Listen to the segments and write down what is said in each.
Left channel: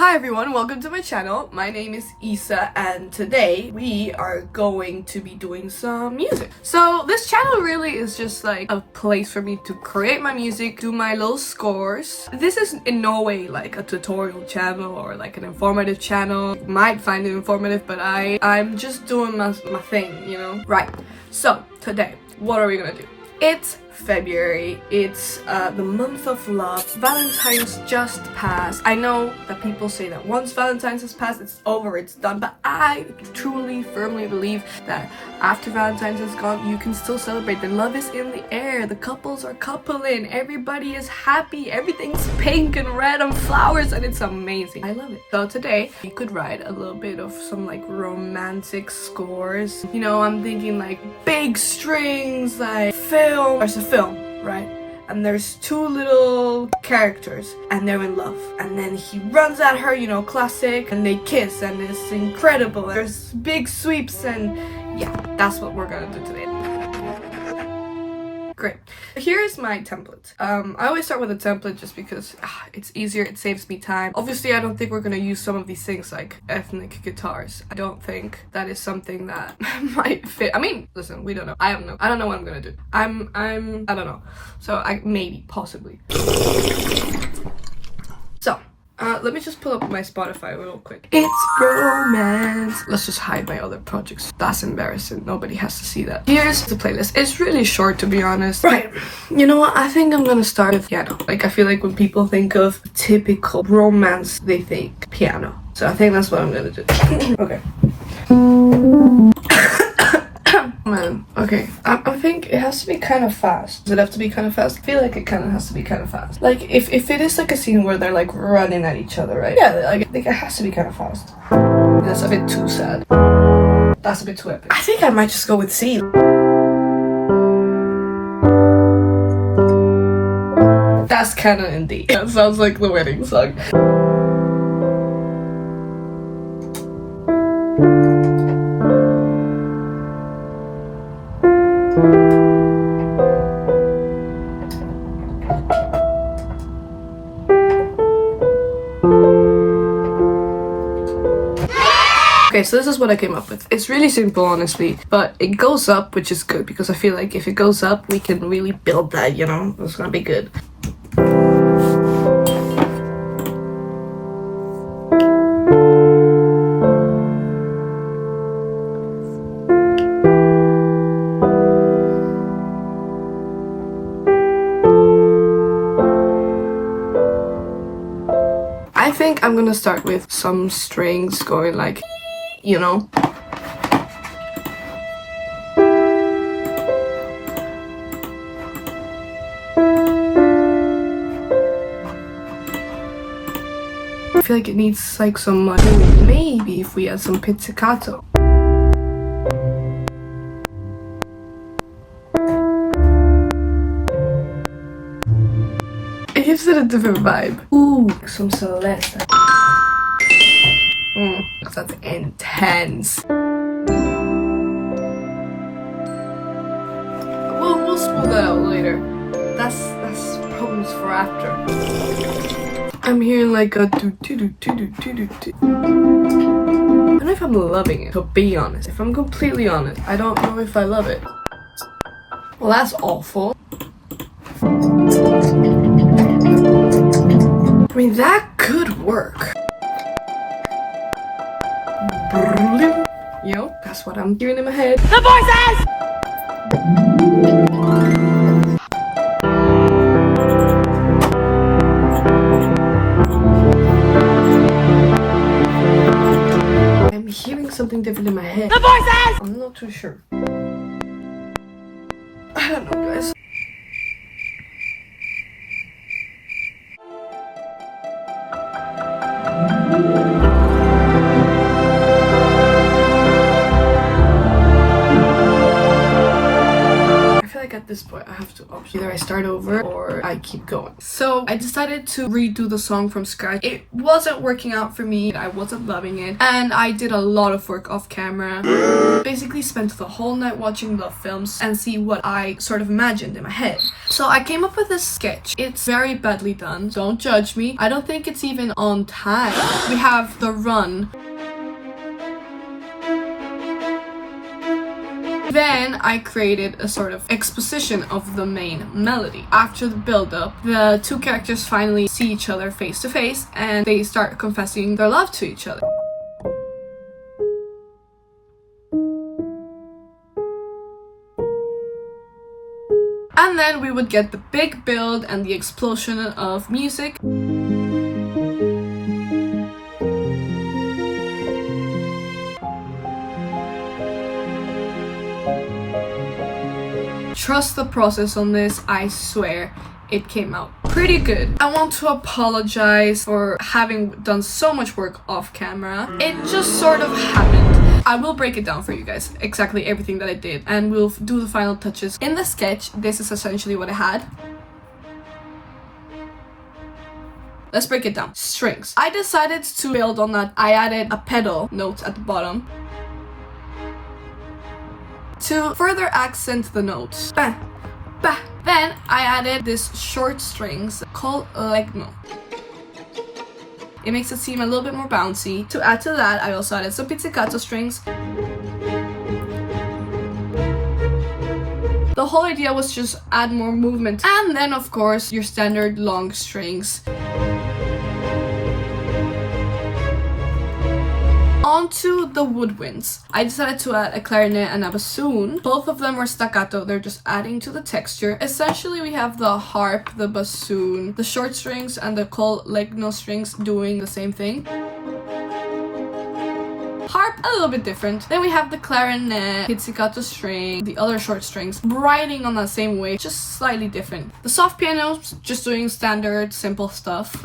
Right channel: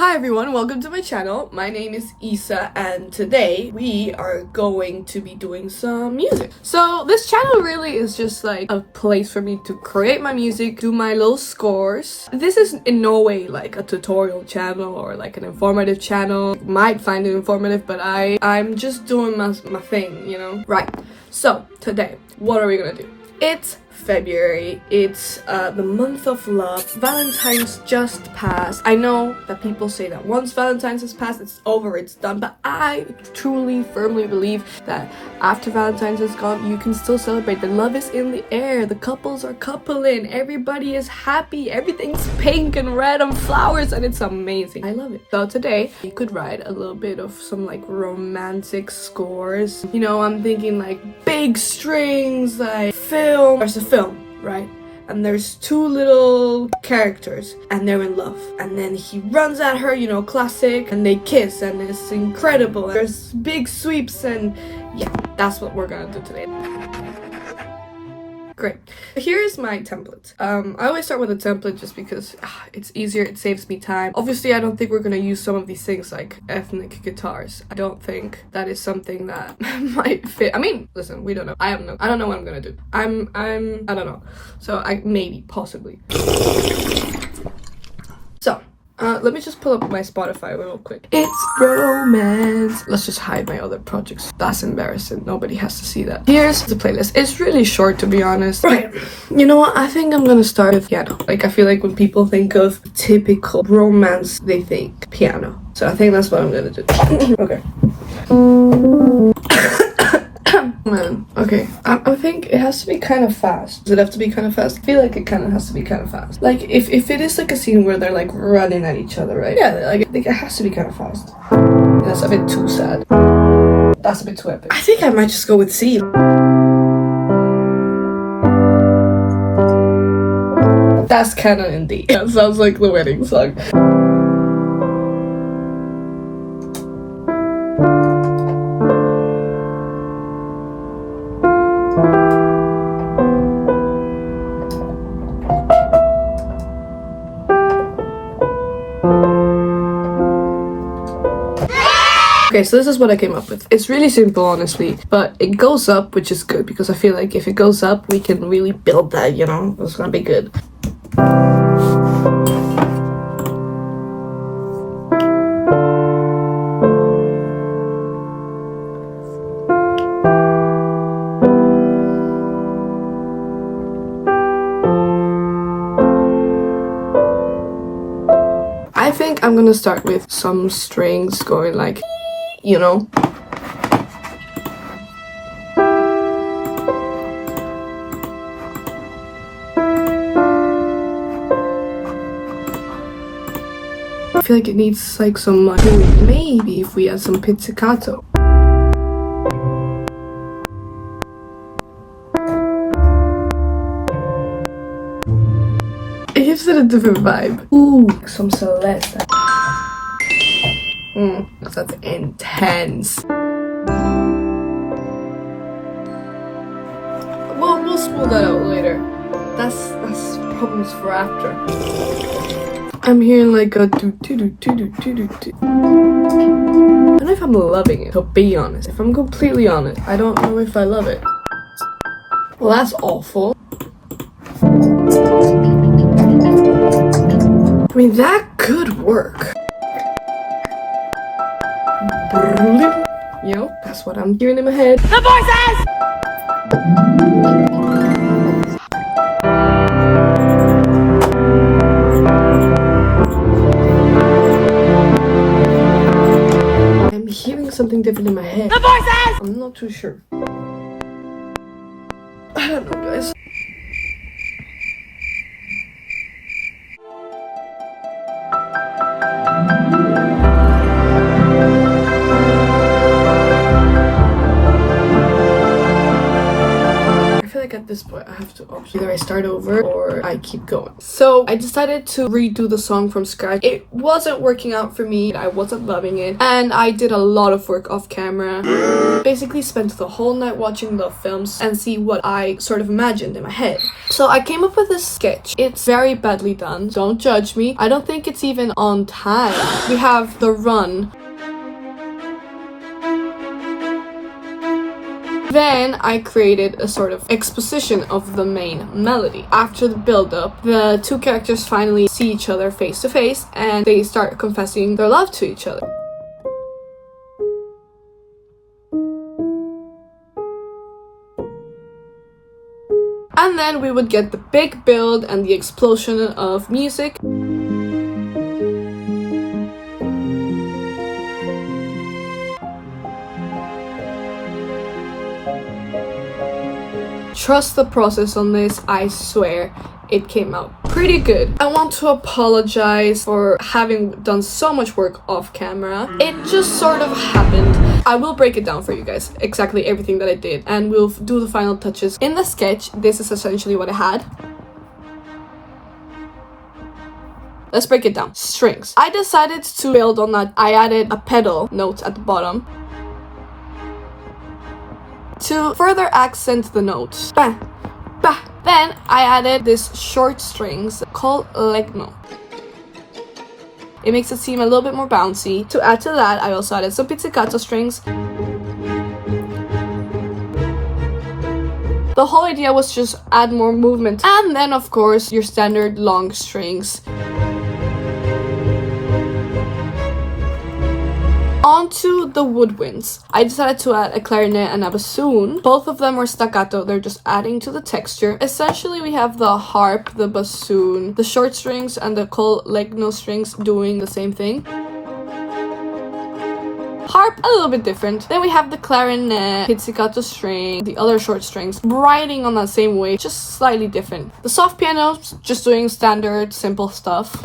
Hi everyone, welcome to my channel. My name is Isa and today we are going to be doing some music. So this channel really is just like a place for me to create my music, do my little scores. This is in no way like a tutorial channel or like an informative channel. You might find it informative, but I'm just doing my thing, you know? Right, so today, what are we gonna do? It's February, it's the month of love. Valentine's just passed. I know that people say that once Valentine's has passed, it's over, it's done, but I truly, firmly believe that after Valentine's is gone, you can still celebrate. The love is in the air, the couples are coupling, everybody is happy, everything's pink and red and flowers, and it's amazing. I love it. So today, we could write a little bit of some like romantic scores. You know, I'm thinking like big strings, like film. There's a film, right? And there's two little characters and they're in love, and then he runs at her, you know, classic, and they kiss and it's incredible. There's big sweeps, and yeah, that's what we're gonna do today. Great. Here's my template. I always start with a template just because it's easier, it saves me time. Obviously, I don't think we're gonna use some of these things like ethnic guitars. I don't think that is something that might fit. I mean, listen, we don't know. I don't know what I'm gonna do. I don't know. So maybe, possibly. So, let me just pull up my Spotify real quick. It's romance. Let's just hide my other projects. That's embarrassing. Nobody has to see that. Here's the playlist. It's really short, to be honest. Right. You know what? I think I'm gonna start with piano. Like, I feel like when people think of typical romance, they think piano. So I think that's what I'm gonna do. Okay. Man, okay. I think it has to be kind of fast. Does it have to be kind of fast? I feel like it kind of has to be kind of fast. Like, if it is like a scene where they're like running at each other, right? Yeah, like, I think it has to be kind of fast. That's a bit too sad. That's a bit too epic. I think I might just go with C. That's kind of in D. That sounds like the wedding song. Okay, so this is what I came up with. It's really simple, honestly, but it goes up, which is good, because I feel like if it goes up, we can really build that, you know? It's gonna be good. I think I'm gonna start with some strings going like, you know. I feel like it needs like some like, maybe if we add some pizzicato. It gives it a different vibe. Ooh, some Celeste. That's intense. We'll smooth that out later. That's problems for after. I'm hearing like a do do do do do do do do. I don't know if I'm loving it, to be honest. If I'm completely honest, I don't know if I love it. Well, that's awful. I mean, that could work. You know, that's what I'm hearing in my head. The voices! I'm hearing something different in my head. The voices! I'm not too sure. I don't know, guys. this point I have to option. Either I start over or I keep going. So I decided to redo the song from scratch. It wasn't working out for me. I wasn't loving it. And I did a lot of work off camera. Basically spent the whole night watching the films and see what I sort of imagined in my head. So I came up with this sketch. It's very badly done. Don't judge me. I don't think it's even on time. We have the run. Then I created a sort of exposition of the main melody. After the build-up, the two characters finally see each other face to face and they start confessing their love to each other. And then we would get the big build and the explosion of music. Trust the process on this, I swear it came out pretty good. I want to apologize for having done so much work off camera. It just sort of happened. I will break it down for you guys, exactly everything that I did, and we'll do the final touches. In the sketch, this is essentially what I had. Let's break it down. Strings. I decided to build on that. I added a pedal note at the bottom to further accent the notes. Bah, bah. Then I added this short strings called legno. It makes it seem a little bit more bouncy. To add to that, I also added some pizzicato strings. The whole idea was just add more movement. And then of course your standard long strings. Onto the woodwinds. I decided to add a clarinet and a bassoon. Both of them were staccato, they're just adding to the texture. Essentially we have the harp, the bassoon, the short strings and the col legno strings doing the same thing. Harp, a little bit different. Then we have the clarinet, pizzicato string, the other short strings, riding on that same wave, just slightly different. The soft pianos, just doing standard, simple stuff.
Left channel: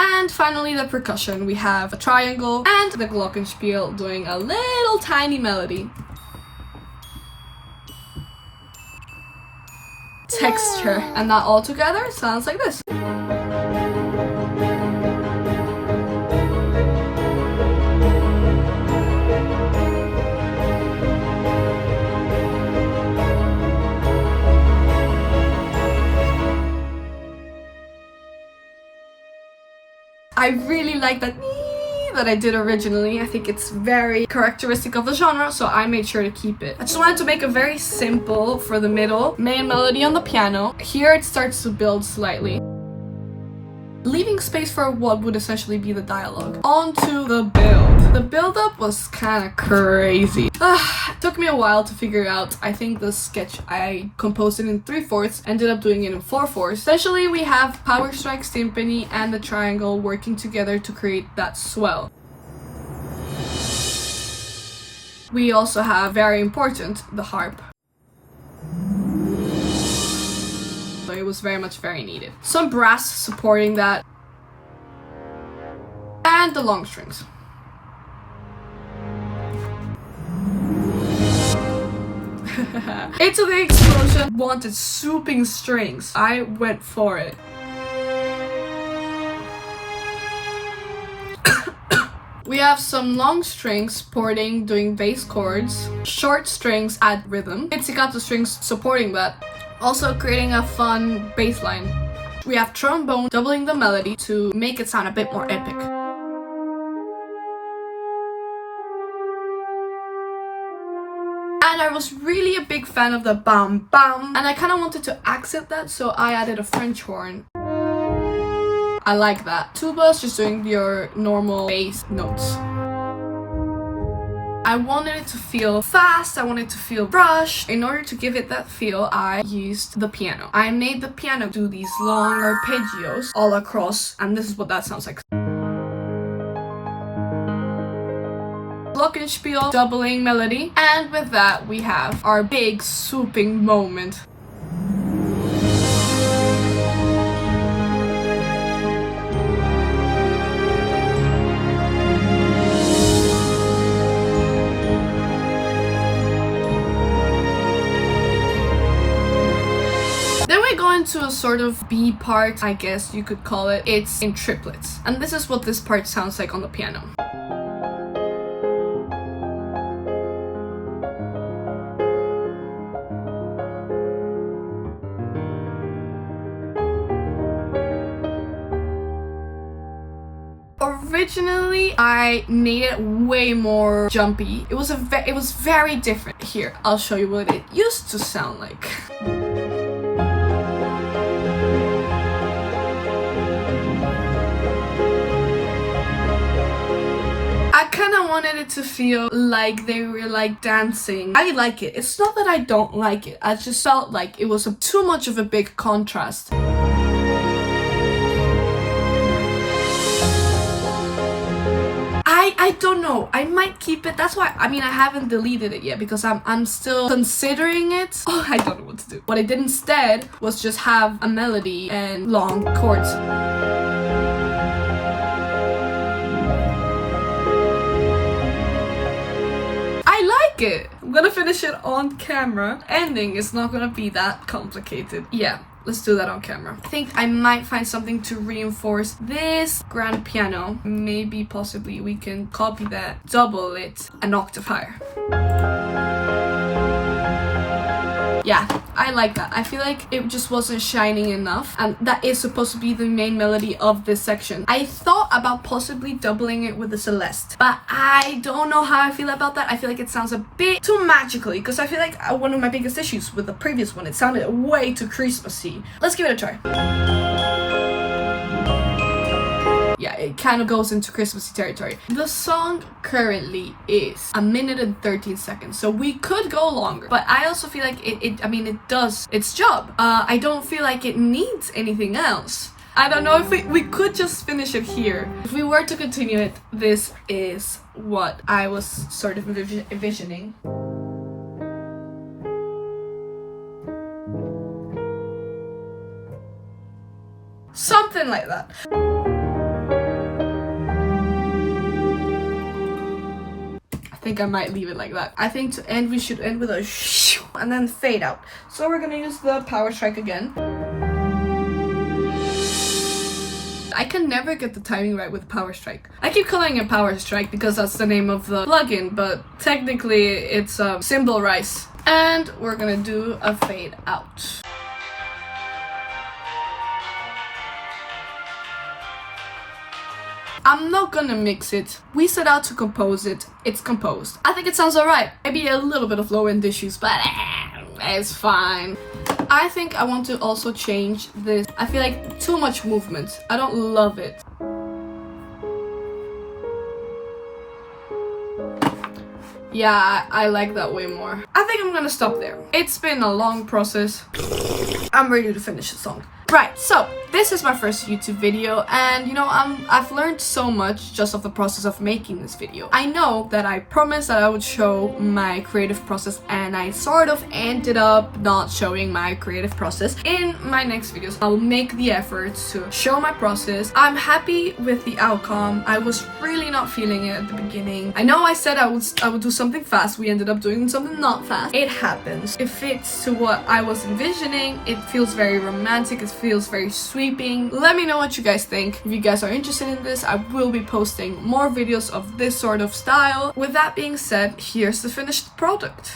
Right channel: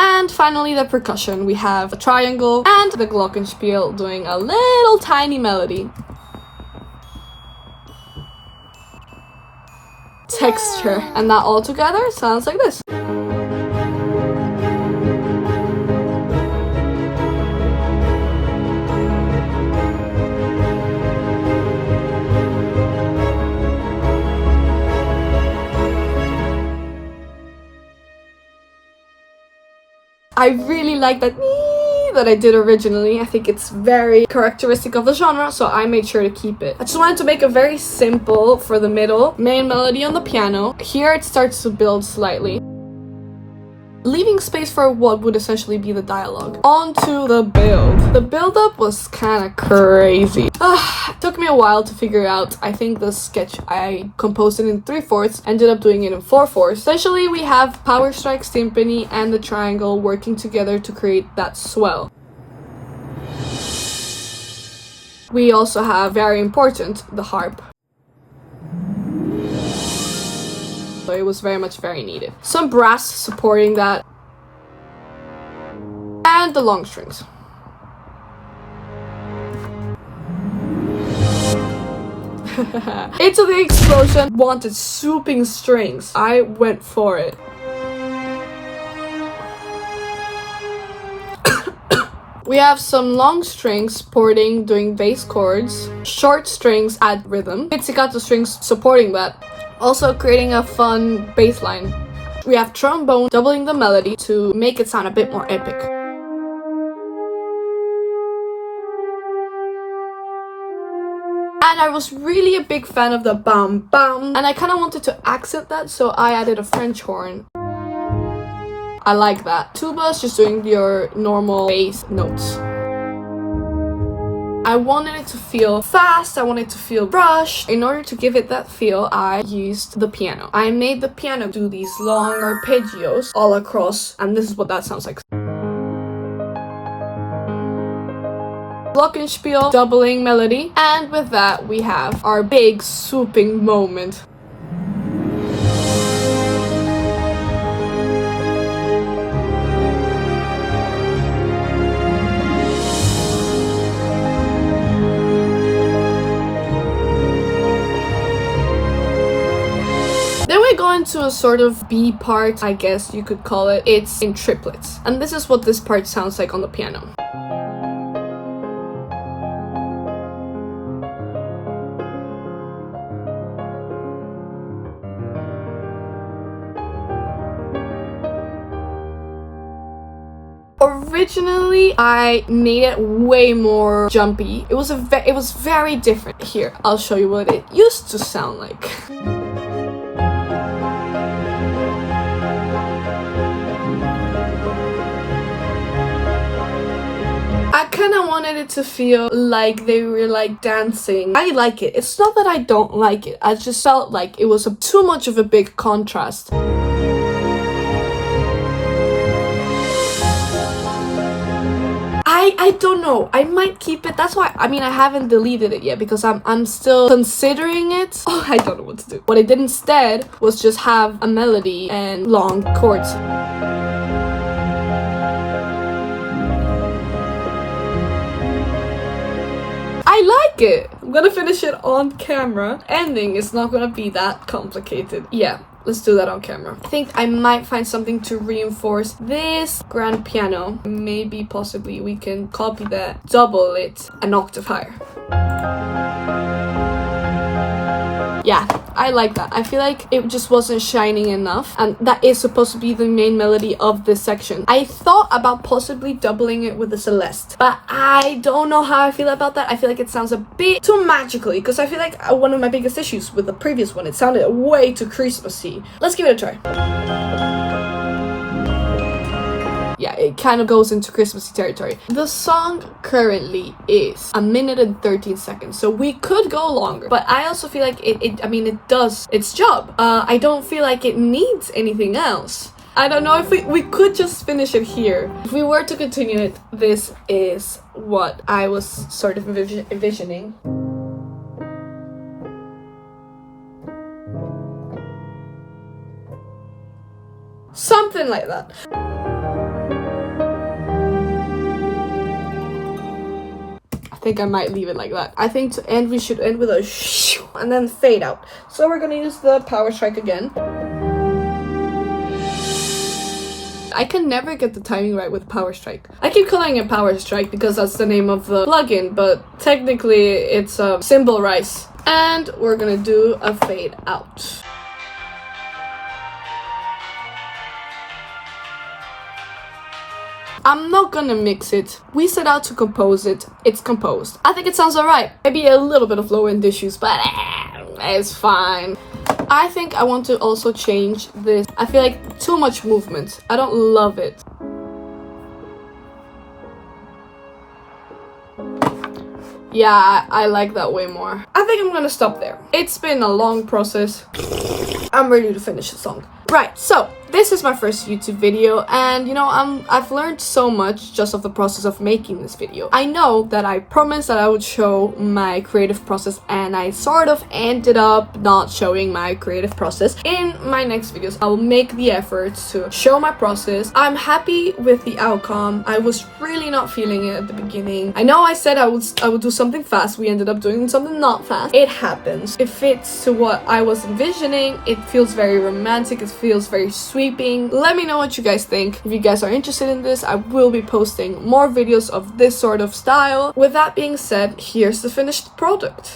And finally the percussion. We have a triangle and the glockenspiel doing a little tiny melody. Texture. And that all together sounds like this. I really like that I did originally. I think it's very characteristic of the genre, so I made sure to keep it. I just wanted to make a very simple for the middle main melody on the piano. Here it starts to build slightly, leaving space for what would essentially be the dialogue. On to the build. The build-up was kind of crazy. It took me a while to figure out. I think the sketch, I composed it in 3/4, ended up doing it in 4/4. Essentially, we have power strike, symphony, and the triangle working together to create that swell. We also have, very important, the harp. So it was very needed. Some brass supporting that. And the long strings. Into the explosion. Wanted swooping strings. I went for it. We have some long strings supporting doing bass chords. Short strings add rhythm. Pizzicato strings supporting that. Also creating a fun bass line. We have trombone doubling the melody to make it sound a bit more epic. And I was really a big fan of the bam bam, and I kind of wanted to accent that, so I added a French horn. I like that. Tuba is just doing your normal bass notes. I wanted it to feel fast, I wanted it to feel rushed. In order to give it that feel, I used the piano. I made the piano do these long arpeggios all across, and this is what that sounds like. Glockenspiel, doubling melody, and with that we have our big swooping moment. into a sort of B part, I guess you could call it. It's in triplets. And this is what this part sounds like on the piano. Originally, I made it way more jumpy. It was very different. Here, I'll show you what it used to sound like. I kind of wanted it to feel like they were like dancing. I like it. It's not that I don't like it. I just felt like it was too much of a big contrast. I don't know. I might keep it. That's why, I mean, I haven't deleted it yet because I'm still considering it. Oh, I don't know what to do. What I did instead was just have a melody and long chords. I like it. I'm gonna finish it on camera. Ending is not gonna be that complicated. Yeah. Let's do that on camera. I think I might find something to reinforce this grand piano. Maybe, possibly, we can copy that, double it an octave higher. Yeah, I like that. I feel like it just wasn't shining enough, and that is supposed to be the main melody of this section. I thought about possibly doubling it with the Celeste, but I don't know how I feel about that. I feel like it sounds a bit too magically, because I feel like one of my biggest issues with the previous one, it sounded way too Christmassy. Let's give it a try. Yeah, it kind of goes into Christmassy territory. The song currently is 1 minute and 13 seconds, so we could go longer, but I also feel like it does its job. I don't feel like it needs anything else. I don't know if we could just finish it here. If we were to continue it, this is what I was sort of envisioning. Something like that. I think I might leave it like that. I think to end, we should end with a shoo and then fade out. So we're gonna use the power strike again. I can never get the timing right with power strike. I keep calling it power strike because that's the name of the plugin, but technically it's a cymbal rise. And we're gonna do a fade out. I'm not gonna mix it. We set out to compose it. It's composed. I think it sounds alright. Maybe a little bit of low-end issues, but it's fine. I think I want to also change this. I feel like too much movement. I don't love it. Yeah, I like that way more. I think I'm gonna stop there. It's been a long process. I'm ready to finish the song. Right, so this is my first YouTube video, and you know, I've learned so much just of the process of making this video. I know that I promised that I would show my creative process, and I sort of ended up not showing my creative process. In my next videos, I will make the effort to show my process. I'm happy with the outcome. I was really not feeling it at the beginning. I know I said I would do something fast. We ended up doing something not fast. It happens. It fits to what I was envisioning. It feels very romantic. It feels very sweeping. Let me know what you guys think. If you guys are interested in this, I will be posting more videos of this sort of style. With that being said, here's the finished product.